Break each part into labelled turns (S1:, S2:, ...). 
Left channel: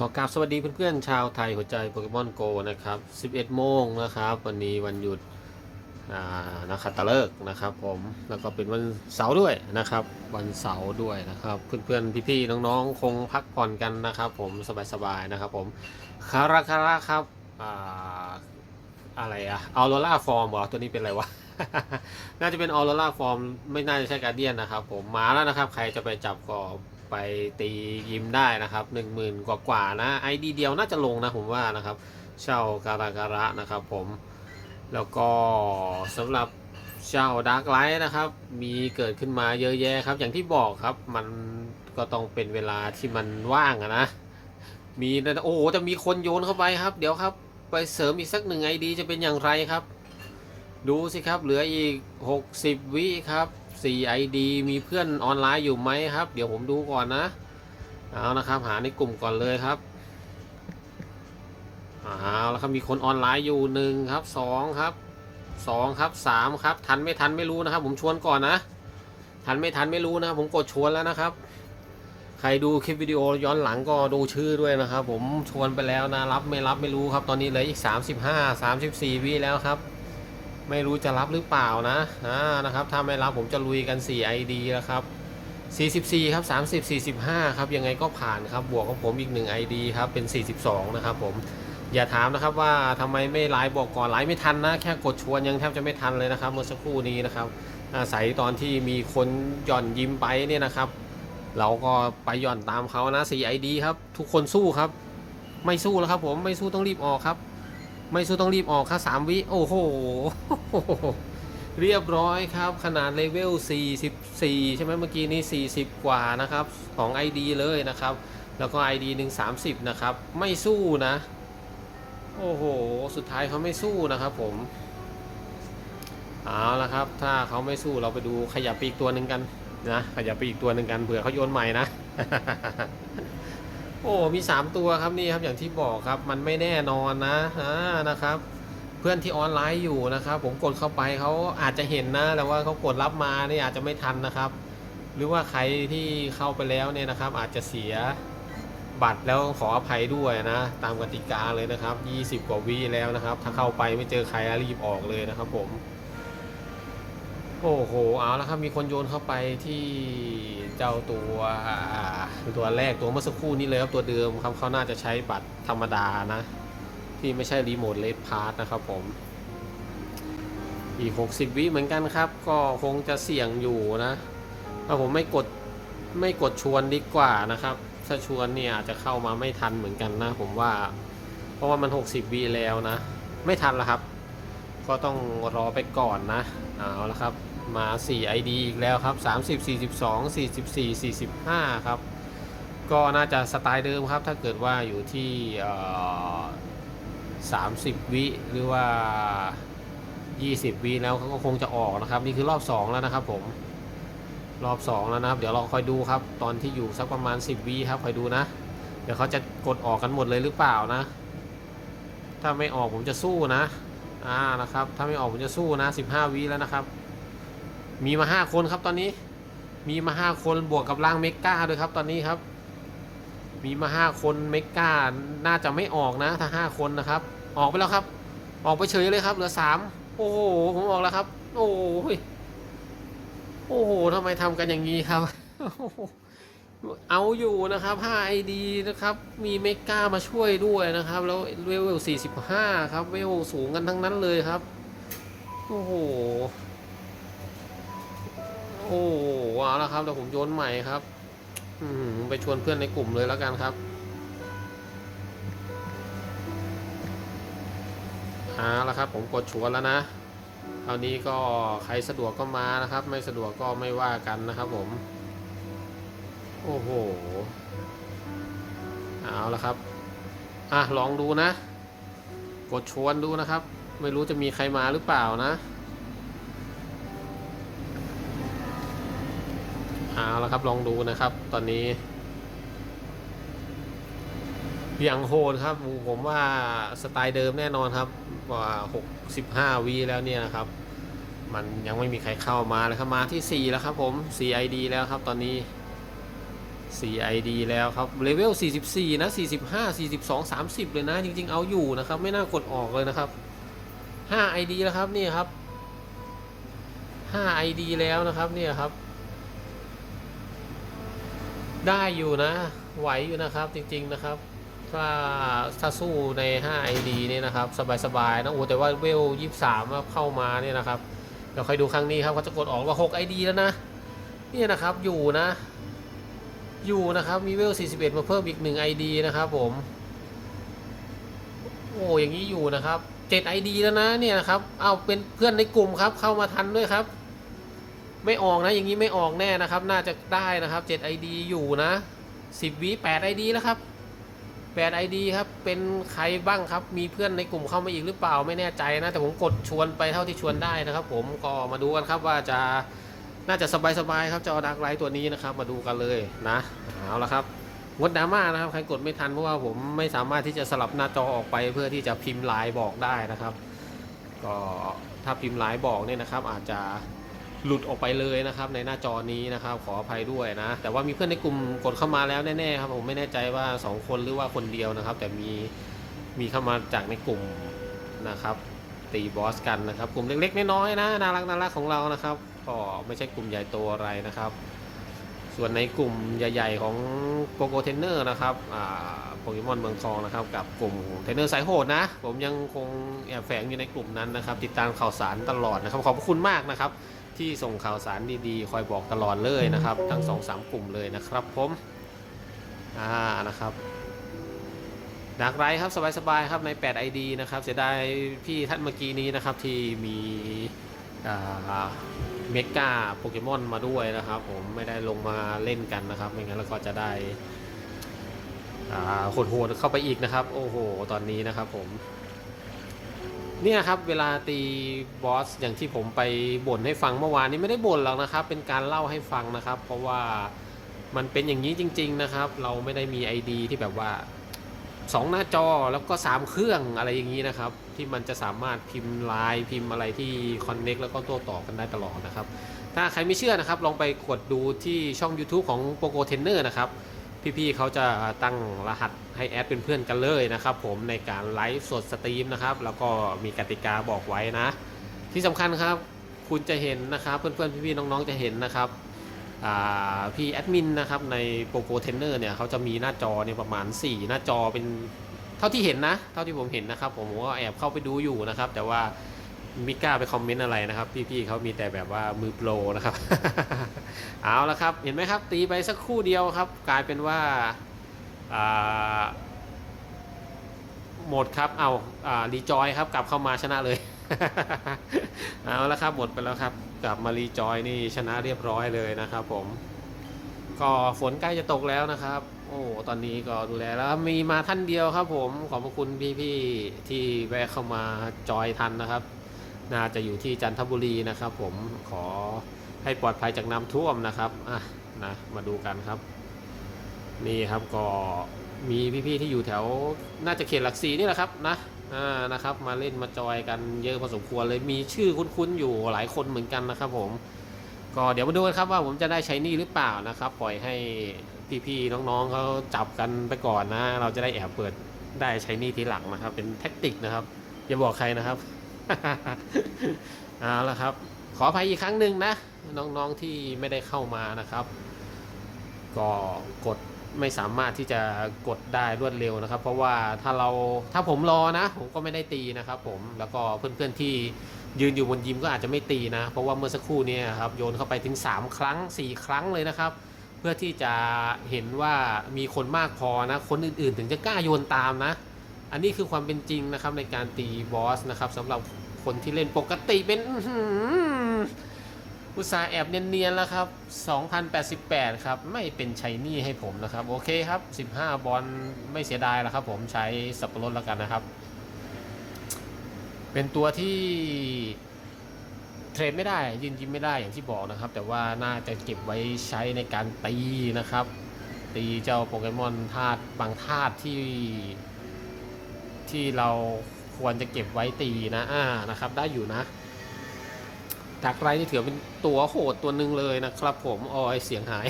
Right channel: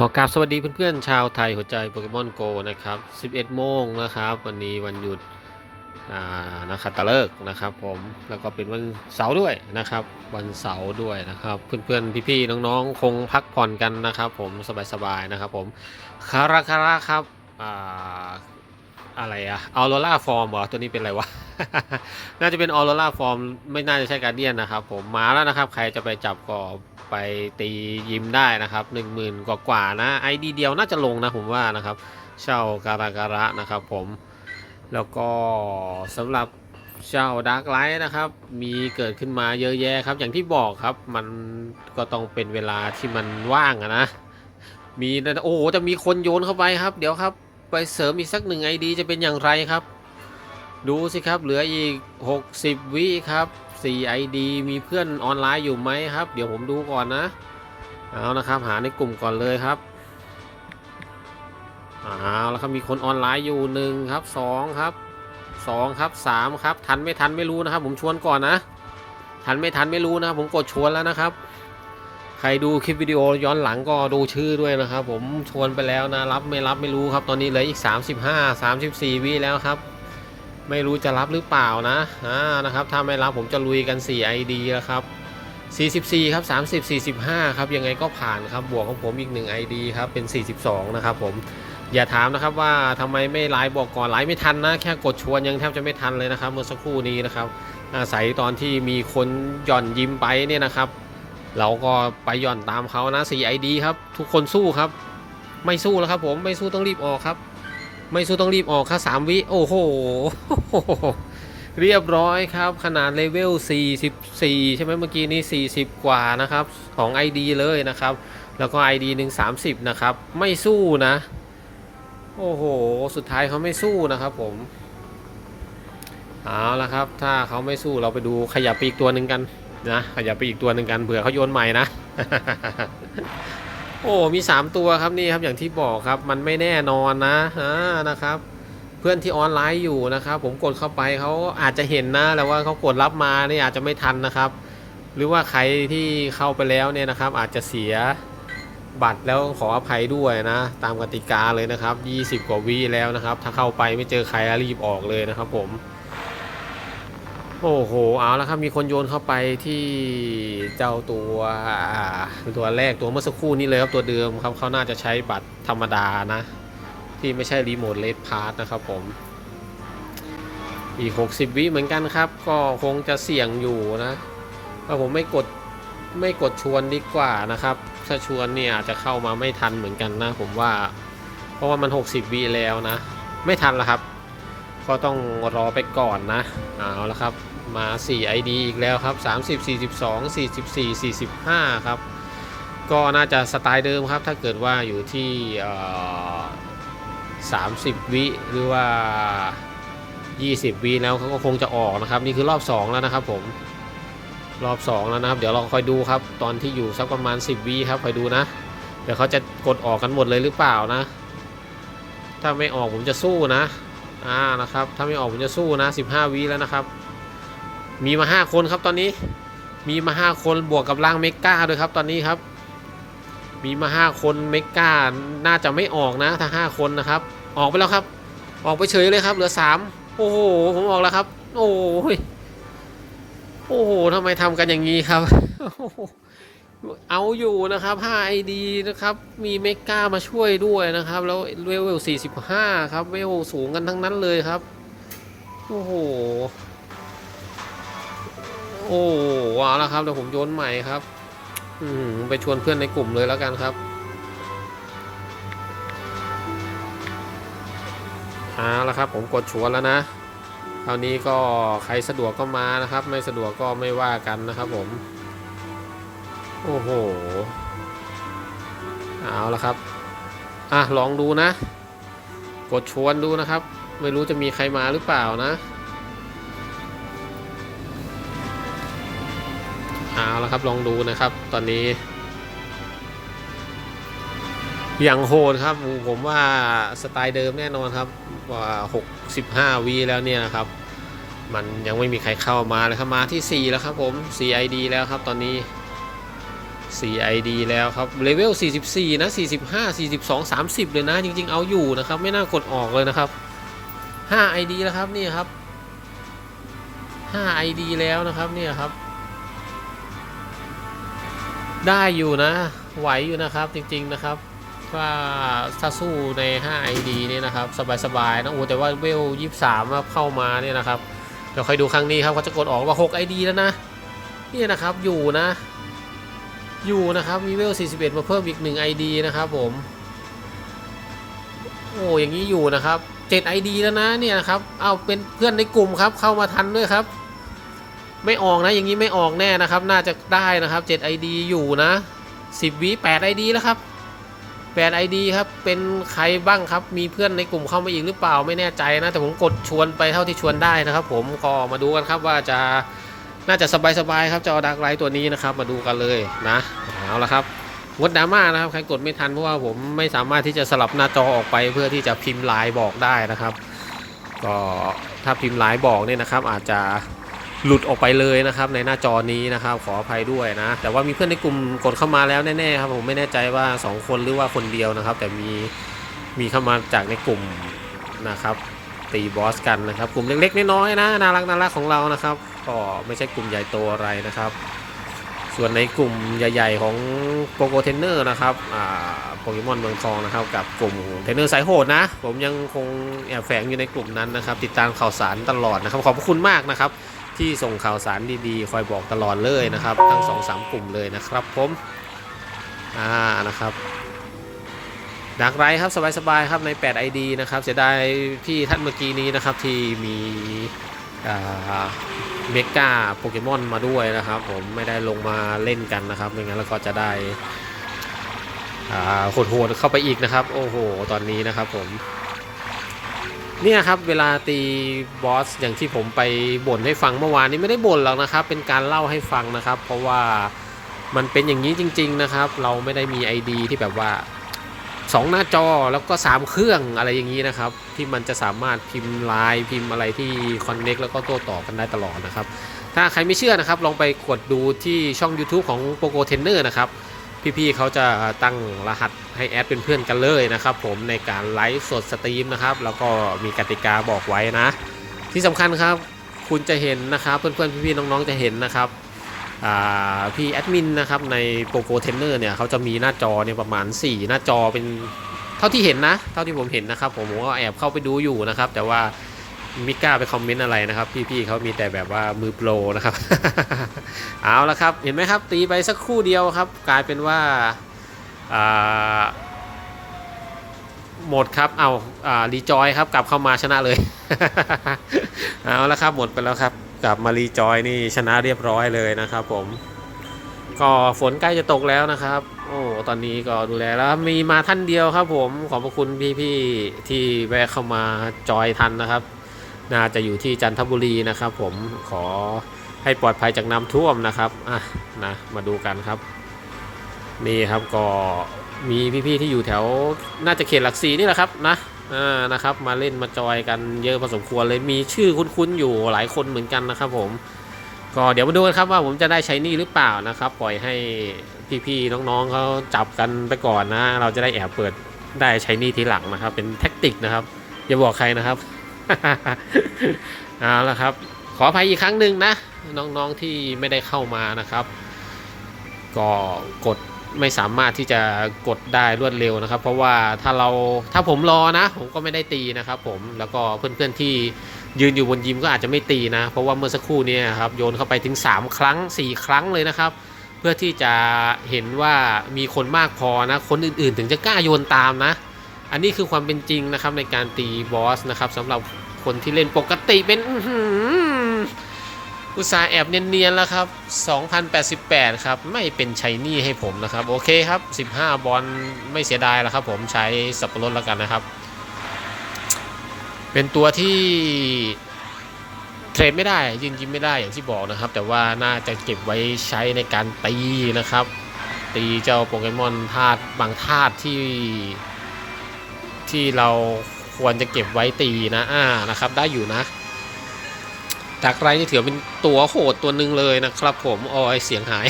S1: ขอกราบสวัสดีเพื่อนๆชาวไทยหัวใจโปเกมอนโกนะครับ 11 โมงนะครับ วันนี้วันหยุดนะครับตะเลิกนะครับ ผมแล้วก็เป็นวันเสาร์ด้วยนะครับ วันเสาร์ด้วยนะครับ เพื่อนๆพี่ๆน้องๆ คงพักผ่อนกันนะครับ ผมสบายๆนะครับ ผมคาราคาราครับอ่าอะไรอะออโรล่าฟอร์มเหรอตัวนี้เป็นอะไรวะ น่าจะเป็นออโรล่าฟอร์มไม่น่าจะใช่การเดียนนะครับ ผมมาแล้วนะครับ ใครจะไปจับก็ ไปตียิมได้นะครับหนึ่งหมื่นกว่าๆนะไอดีเดียวน่าจะลงนะผมว่านะครับเช่าการาการะนะครับผมแล้วก็สำหรับเช่าดาร์กไลท์นะครับ มีเกิดขึ้นมาเยอะแยะครับ อย่างที่บอกครับมันก็ต้องเป็นเวลาที่มันว่างอะนะ มีโอ้โหจะมีคนโยนเข้าไปครับ เดี๋ยวครับ ไปเสริมอีกสักหนึ่งไอดีจะเป็นอย่างไรครับ ดูสิครับเหลืออีก 60 วิครับ 4 ID มีเพื่อนออนไลน์อยู่ไหมครับ เดี๋ยวผมดูก่อนนะ เอานะครับ หาในกลุ่มก่อนเลยครับเอาแล้วครับมีคนออนไลน์อยู่หนึ่งครับสองครับสองครับสามครับ ทันไม่ทันไม่รู้นะครับ ผมชวนก่อนนะ ทันไม่ทันไม่รู้นะผมกดชวนแล้วนะครับ ใครดูคลิปวิดีโอย้อนหลังก็ดูชื่อด้วยนะครับ ผมชวนไปแล้วนะรับไม่รับไม่รู้ครับ ตอนนี้เหลืออีก 35 34วิแล้วครับ ไม่รู้จะรับหรือเปล่านะอ่านะครับถ้าไม่รับผมจะลุยกัน 4 ID แล้วครับ44ครับ30 45ครับยังไงก็ผ่านครับบวกของผมอีก 1 ID ครับเป็น 42 นะครับผมอย่าถามนะครับว่าทำไมไม่ไลฟ์บอกก่อนไลฟ์ไม่ทันนะ แค่กดชวนยังแทบจะไม่ทันเลยนะครับ เมื่อสักครู่นี้นะครับอาศัยตอนที่มีคนหย่อนยิ้มไปเนี่ยนะครับ เราก็ไปหย่อนตามเขานะ 4 ID ครับ ทุกคนสู้ครับ ไม่สู้แล้วครับผมไม่สู้ต้องรีบออกครับ ไม่สู้ต้องรีบออกครับสามวิ โอ้โห เรียบร้อยครับ ขนาดเลเวล 44 ใช่ไหมเมื่อกี้นี้ 40 กว่านะครับของ ID เลยนะครับ แล้วก็ ID หนึ่ง30 นะครับ ไม่สู้นะ โอ้โห สุดท้ายเขาไม่สู้นะครับผม เอาละครับ ถ้าเขาไม่สู้เราไปดูขยับไปอีกตัวหนึ่งกันนะ ขยับไปอีกตัวหนึ่งกันเผื่อเขาโยนใหม่นะ โอ้ มี 3 ตัวครับนี่ครับอย่างที่บอกครับ มันไม่แน่นอนนะอ่านะครับ เพื่อนที่ออนไลน์อยู่นะครับ ผมกดเข้าไปเขาอาจจะเห็นนะแล้วว่าเขากดรับมาเนี่ยอาจจะไม่ทันนะครับ หรือว่าใครที่เข้าไปแล้วเนี่ยนะครับ อาจจะเสียบัตรแล้วขออภัยด้วยนะ ตามกติกาเลยนะครับ 20 กว่าวิแล้วนะครับ ถ้าเข้าไปไม่เจอใครรีบออกเลยนะครับ ผม โอ้โห เอาแล้วครับ มีคนโยนเข้าไปที่เจ้าตัวตัวแรกตัวเมื่อสักครู่นี้เลยครับ ตัวเดิมครับเขาน่าจะใช้บัตรธรรมดานะ ที่ไม่ใช่รีโมทเลดพาร์ทนะครับผม อีก 60 วิเหมือนกันครับ ก็คงจะเสี่ยงอยู่นะถ้าผมไม่กดไม่กดชวนดีกว่านะครับ ถ้าชวนเนี่ยอาจจะเข้ามาไม่ทันเหมือนกันนะ ผมว่า เพราะว่ามัน 60 วิแล้วนะ ไม่ทันแล้วครับ ก็ต้องรอไปก่อนนะเอาละครับมา 4 ID อีกแล้วครับ 30 42 44 45 ครับ ก็น่าจะสไตล์เดิมครับ ถ้าเกิดว่าอยู่ที่ 30 วิหรือว่า 20 วิแล้วเขาก็คงจะออกนะครับ นี่คือรอบ 2 แล้วนะครับผมรอบ 2 แล้วนะครับ เดี๋ยวเราคอยดูครับ ตอนที่อยู่สักประมาณ 10 วิครับคอยดูนะ เดี๋ยวเขาจะกดออกกันหมดเลยหรือเปล่านะ ถ้าไม่ออกผมจะสู้นะ อ่านะครับ ถ้าไม่ออกผมจะสู้นะ15วิแล้วนะครับ มีมา 5 คนครับตอนนี้ มีมา 5 คนบวกกับร่างเมกาด้วยครับตอนนี้ครับ มีมา 5 คนเมกาน่าจะไม่ออกนะ ถ้า 5 คนนะครับ ออกไปแล้วครับ ออกไปเฉยเลยครับ เหลือ 3 โอ้โห ผมออกแล้วครับ โอ้ยโอ้โหทำไมทำกันอย่างนี้ครับ เอาอยู่นะครับ 5 ID นะครับ มีเมกามาช่วยด้วยนะครับ แล้วเวล45 ครับ เวลสูงกันทั้งนั้นเลยครับ โอ้โห โอ้ว้าแล้วครับ เดี๋ยวผมโยนใหม่ครับ อืม ไปชวนเพื่อนในกลุ่มเลยแล้วกันครับ เอาละครับ ผมกดชวนแล้วนะคราวนี้ก็ใครสะดวกก็มานะครับ ไม่สะดวกก็ไม่ว่ากันนะครับผม โอ้โห เอาละครับ อะ ลองดูนะ กดชวนดูนะครับ ไม่รู้จะมีใครมาหรือเปล่านะ เอาละครับ ลองดูนะครับ ตอนนี้ อย่างโหดครับ ผมว่าสไตล์เดิมแน่นอนครับ ว่า 65วีแล้วเนี่ยนะครับ มันยังไม่มีใครเข้ามาเลยครับ มาที่ 4 แล้วครับผม 4 ID แล้วครับตอนนี้ 4 ID แล้วครับเลเวล 44 นะ 45 42 30 เลยนะ จริง ๆ เอาอยู่นะครับ ไม่น่ากดออกเลยนะครับ 5 ID แล้วครับนี่ครับ5 ID แล้วนะครับเนี่ยครับ ได้อยู่นะ ไหวอยู่นะครับจริง ๆนะครับว่าถ้าสู้ใน 5 ID นี่นะครับ สบายๆนะโอ้แต่ว่าเวล 23ว่าเข้ามาเนี่ยนะครับ เดี๋ยวคอยดูครั้งนี้ครับเขาจะกดออกว่า 6 ID แล้วนะนี่นะครับอยู่นะ อยู่นะครับมีเวล 41 มาเพิ่มอีก 1 ID นะครับผม โอ้อย่างนี้อยู่นะครับ7 ID แล้วนะเนี่ยนะครับ เอาเป็นเพื่อนในกลุ่มครับ เข้ามาทันด้วยครับ ไม่ออกนะอย่างนี้ไม่ออกแน่นะครับ น่าจะได้นะครับ7 ID อยู่นะ 10วิ8 ID แล้วครับ8 ID ครับเป็นใครบ้างครับ มีเพื่อนในกลุ่มเข้ามาอีกหรือเปล่าไม่แน่ใจนะ แต่ผมกดชวนไปเท่าที่ชวนได้นะครับ ผมก็มาดูกันครับว่าจะ น่าจะสบายๆครับจอดักไลท์ตัวนี้นะครับ มาดูกันเลยนะเอาละครับงดดราม่านะครับใครกดไม่ทันเพราะว่าผมไม่สามารถที่จะสลับหน้าจอออกไปเพื่อที่จะพิมพ์ลน์บอกได้นะครับ ก็ถ้าพิมพ์ลน์บอกเนี่ยนะครับ อาจจะหลุดออกไปเลยนะครับในหน้าจอนี้นะครับขออภัยด้วยนะ แต่ว่ามีเพื่อนในกลุ่มกดเข้ามาแล้วแน่ๆครับผมไม่แน่ใจว่า 2 คนหรือว่าคนเดียวนะครับ แต่มีมีเข้ามาจากในกลุ่มนะครับ ตีบอสกันนะครับ กลุ่มเล็กๆน้อยๆนะน่ารักน่ารักของเรานะครับก็ไม่ใช่กลุ่มใหญ่โตอะไรนะครับ ส่วนในกลุ่มใหญ่ๆของโปโกเทนเนอร์นะครับอ่าโปเกมอนเมืองทองนะครับ กับกลุ่มเทนเนอร์สายโหดนะ ผมยังคงแอบแฝงอยู่ในกลุ่มนั้นนะครับ ติดตามข่าวสารตลอดนะครับ ขอบพระคุณมากนะครับ ที่ส่งข่าวสารดีๆ คอยบอกตลอดเลยนะครับ ทั้ง2อสกลุ่มเลยนะครับผมอ่านะครับ ดักไรครับสบายๆครับใน 8 ID นะครับเสียดายพี่ท่านเมื่อกี้นี้นะครับที่มีเมกาโปเกมอนมาด้วยนะครับ ผมไม่ได้ลงมาเล่นกันนะครับไม่งั้นแล้วก็จะได้อ่าโหดๆเข้าไปอีกนะครับ โอ้โห ตอนนี้นะครับผมเนี่ยครับเวลาตีบอสอย่างที่ผมไปบ่นให้ฟังเมื่อวานนี้ไม่ได้บ่นหรอกนะครับ เป็นการเล่าให้ฟังนะครับ เพราะว่ามันเป็นอย่างนี้จริง ๆนะครับ เราไม่ได้มี ID ที่แบบว่า 2 หน้าจอแล้วก็ 3 เครื่องอะไรอย่างนี้นะครับ ที่มันจะสามารถพิมพ์ไลน์พิมพ์อะไรที่คอนเน็กแล้วก็โต้ตอบกันได้ตลอดนะครับ ถ้าใครไม่เชื่อนะครับ ลองไปกดดูที่ช่อง YouTube ของ Poco Trainer นะครับ พี่ๆเขาจะตั้งรหัสให้แอดเป็นเพื่อนกันเลยนะครับ ผมในการไลฟ์สดสตรีมนะครับ แล้วก็มีกติกาบอกไว้นะ ที่สำคัญครับ คุณจะเห็นนะครับ เพื่อนๆพี่ๆน้องๆจะเห็นนะครับ พี่แอดมินนะครับในโปรโ o เทนเนอร์เนี่ยเขาจะมีหน้าจอเนี่ยประมาณ 4 หน้าจอเป็นเท่าที่เห็นนะ เท่าที่ผมเห็นนะครับ ผมก็แอบเข้าไปดูอยู่นะครับ แต่ว่าไม่กล้าไปคอมเมนต์อะไรนะครับ พี่ๆเขามีแต่แบบว่ามือโปรนะครับ เอาละครับ เห็นไหมครับ ตีไปสักครู่เดียวครับ กลายเป็นว่าหมดครับ เอาอ่ารีจอยครับ กลับเข้ามาชนะเลย เอาละครับ หมดไปแล้วครับ กับมารีจอยนี่ชนะเรียบร้อยเลยนะครับผมก็ฝนใกล้จะตกแล้วนะครับ โอ้ตอนนี้ก็ดูแลแล้วมีมาท่านเดียวครับผมขอบพระคุณพี่ๆที่แวะเข้ามาจอยทันนะครับ น่าจะอยู่ที่จันทบุรีนะครับ ผมขอให้ปลอดภัยจากน้ำท่วมนะครับอะนะมาดูกันครับ นี่ครับก็มีพี่ๆที่อยู่แถวน่าจะเขตหลักสีนี่แหละครับนะ อ่านะครับ มาเล่นมาจอยกันเยอะพอสมควรเลยมีชื่อคุ้นๆอยู่หลายคนเหมือนกันนะครับผมก็เดี๋ยวมาดูกันครับว่าผมจะได้ใช้นี่หรือเปล่านะครับ ปล่อยให้พี่ๆน้องๆเขาจับกันไปก่อนนะ เราจะได้แอบเปิดได้ใช้นี่ทีหลังนะครับ เป็นแท็กติกนะครับอย่าบอกใครนะครับเอาละครับ ขออภัยอีกครั้งหนึ่งนะ น้องๆที่ไม่ได้เข้ามานะครับ ก็กด ไม่สามารถที่จะกดได้รวดเร็วนะครับ เพราะว่าถ้าเราถ้าผมรอนะ ผมก็ไม่ได้ตีนะครับผมแล้วก็เพื่อนๆที่ยืนอยู่บนยิมก็อาจจะไม่ตีนะ เพราะว่าเมื่อสักครู่นี้ครับโยนเข้าไปถึง 3 ครั้ง 4 ครั้งเลยนะครับ เพื่อที่จะเห็นว่ามีคนมากพอนะคนอื่นๆ ถึงจะกล้าโยนตามนะ อันนี้คือความเป็นจริงนะครับในการตีบอสนะครับสำหรับคนที่เล่นปกติเป็น อุตสาห์แอบเนียนๆแล้วครับ 2088 ครับ ไม่เป็นชัยนี่ให้ผมนะครับ โอเคครับ 15 บอลไม่เสียดายแล้วครับ ผมใช้สับปะรดแล้วกันนะครับ เป็นตัวที่เทรดไม่ได้ยิงยิงไม่ได้อย่างที่บอกนะครับ แต่ว่าน่าจะเก็บไว้ใช้ในการตีนะครับ ตีเจ้าโปเกมอนธาตุบางธาตุที่ที่เราควรจะเก็บไว้ตีนะอ่านะครับ ได้อยู่นะ ดักไรนี่ถือเป็นตัวโหดตัวหนึ่งเลยนะครับ ผมออยเสียงหาย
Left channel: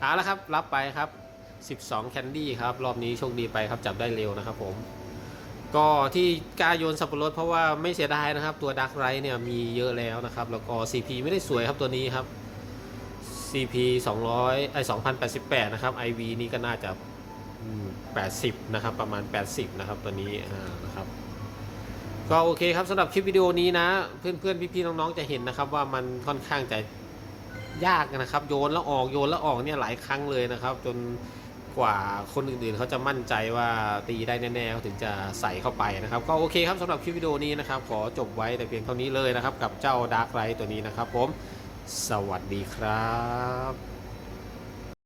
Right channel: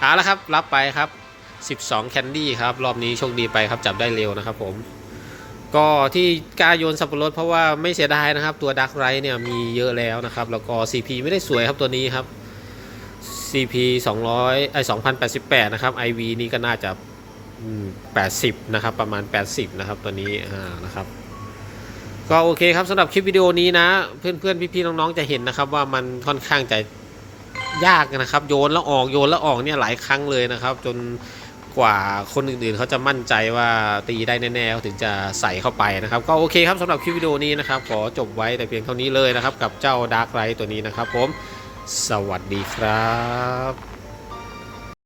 S1: เอาละครับ รับไปครับ 12 แคนดี้ครับ รอบนี้โชคดีไปครับจับได้เร็วนะครับผม ก็ที่กล้าโยนสับปะรดเพราะว่าไม่เสียดายนะครับ ตัวดักไรเนี่ยมีเยอะแล้วนะครับ แล้วก็ CP ไม่ได้สวยครับตัวนี้ครับ CP 200ไอ2088 นะครับ IV นี่ก็น่าจะ80 นะครับ ประมาณ 80 นะครับตัวนี้นะครับ ก็โอเคครับสำหรับคลิปวิดีโอนี้นะ เพื่อนๆพี่ๆน้องๆจะเห็นนะครับ ว่ามันค่อนข้างจะยากนะครับ โยนแล้วออกโยนแล้วออกเนี่ยหลายครั้งเลยนะครับ จนกว่าคนอื่นๆเขาจะมั่นใจว่าตีได้แน่ๆเขาถึงจะใส่เข้าไปนะครับ ก็โอเคครับสำหรับคลิปวิดีโอนี้นะครับ ขอจบไว้แต่เพียงเท่านี้เลยนะครับ กับเจ้าดาร์กไรตัวนี้นะครับ ผม สวัสดีครับ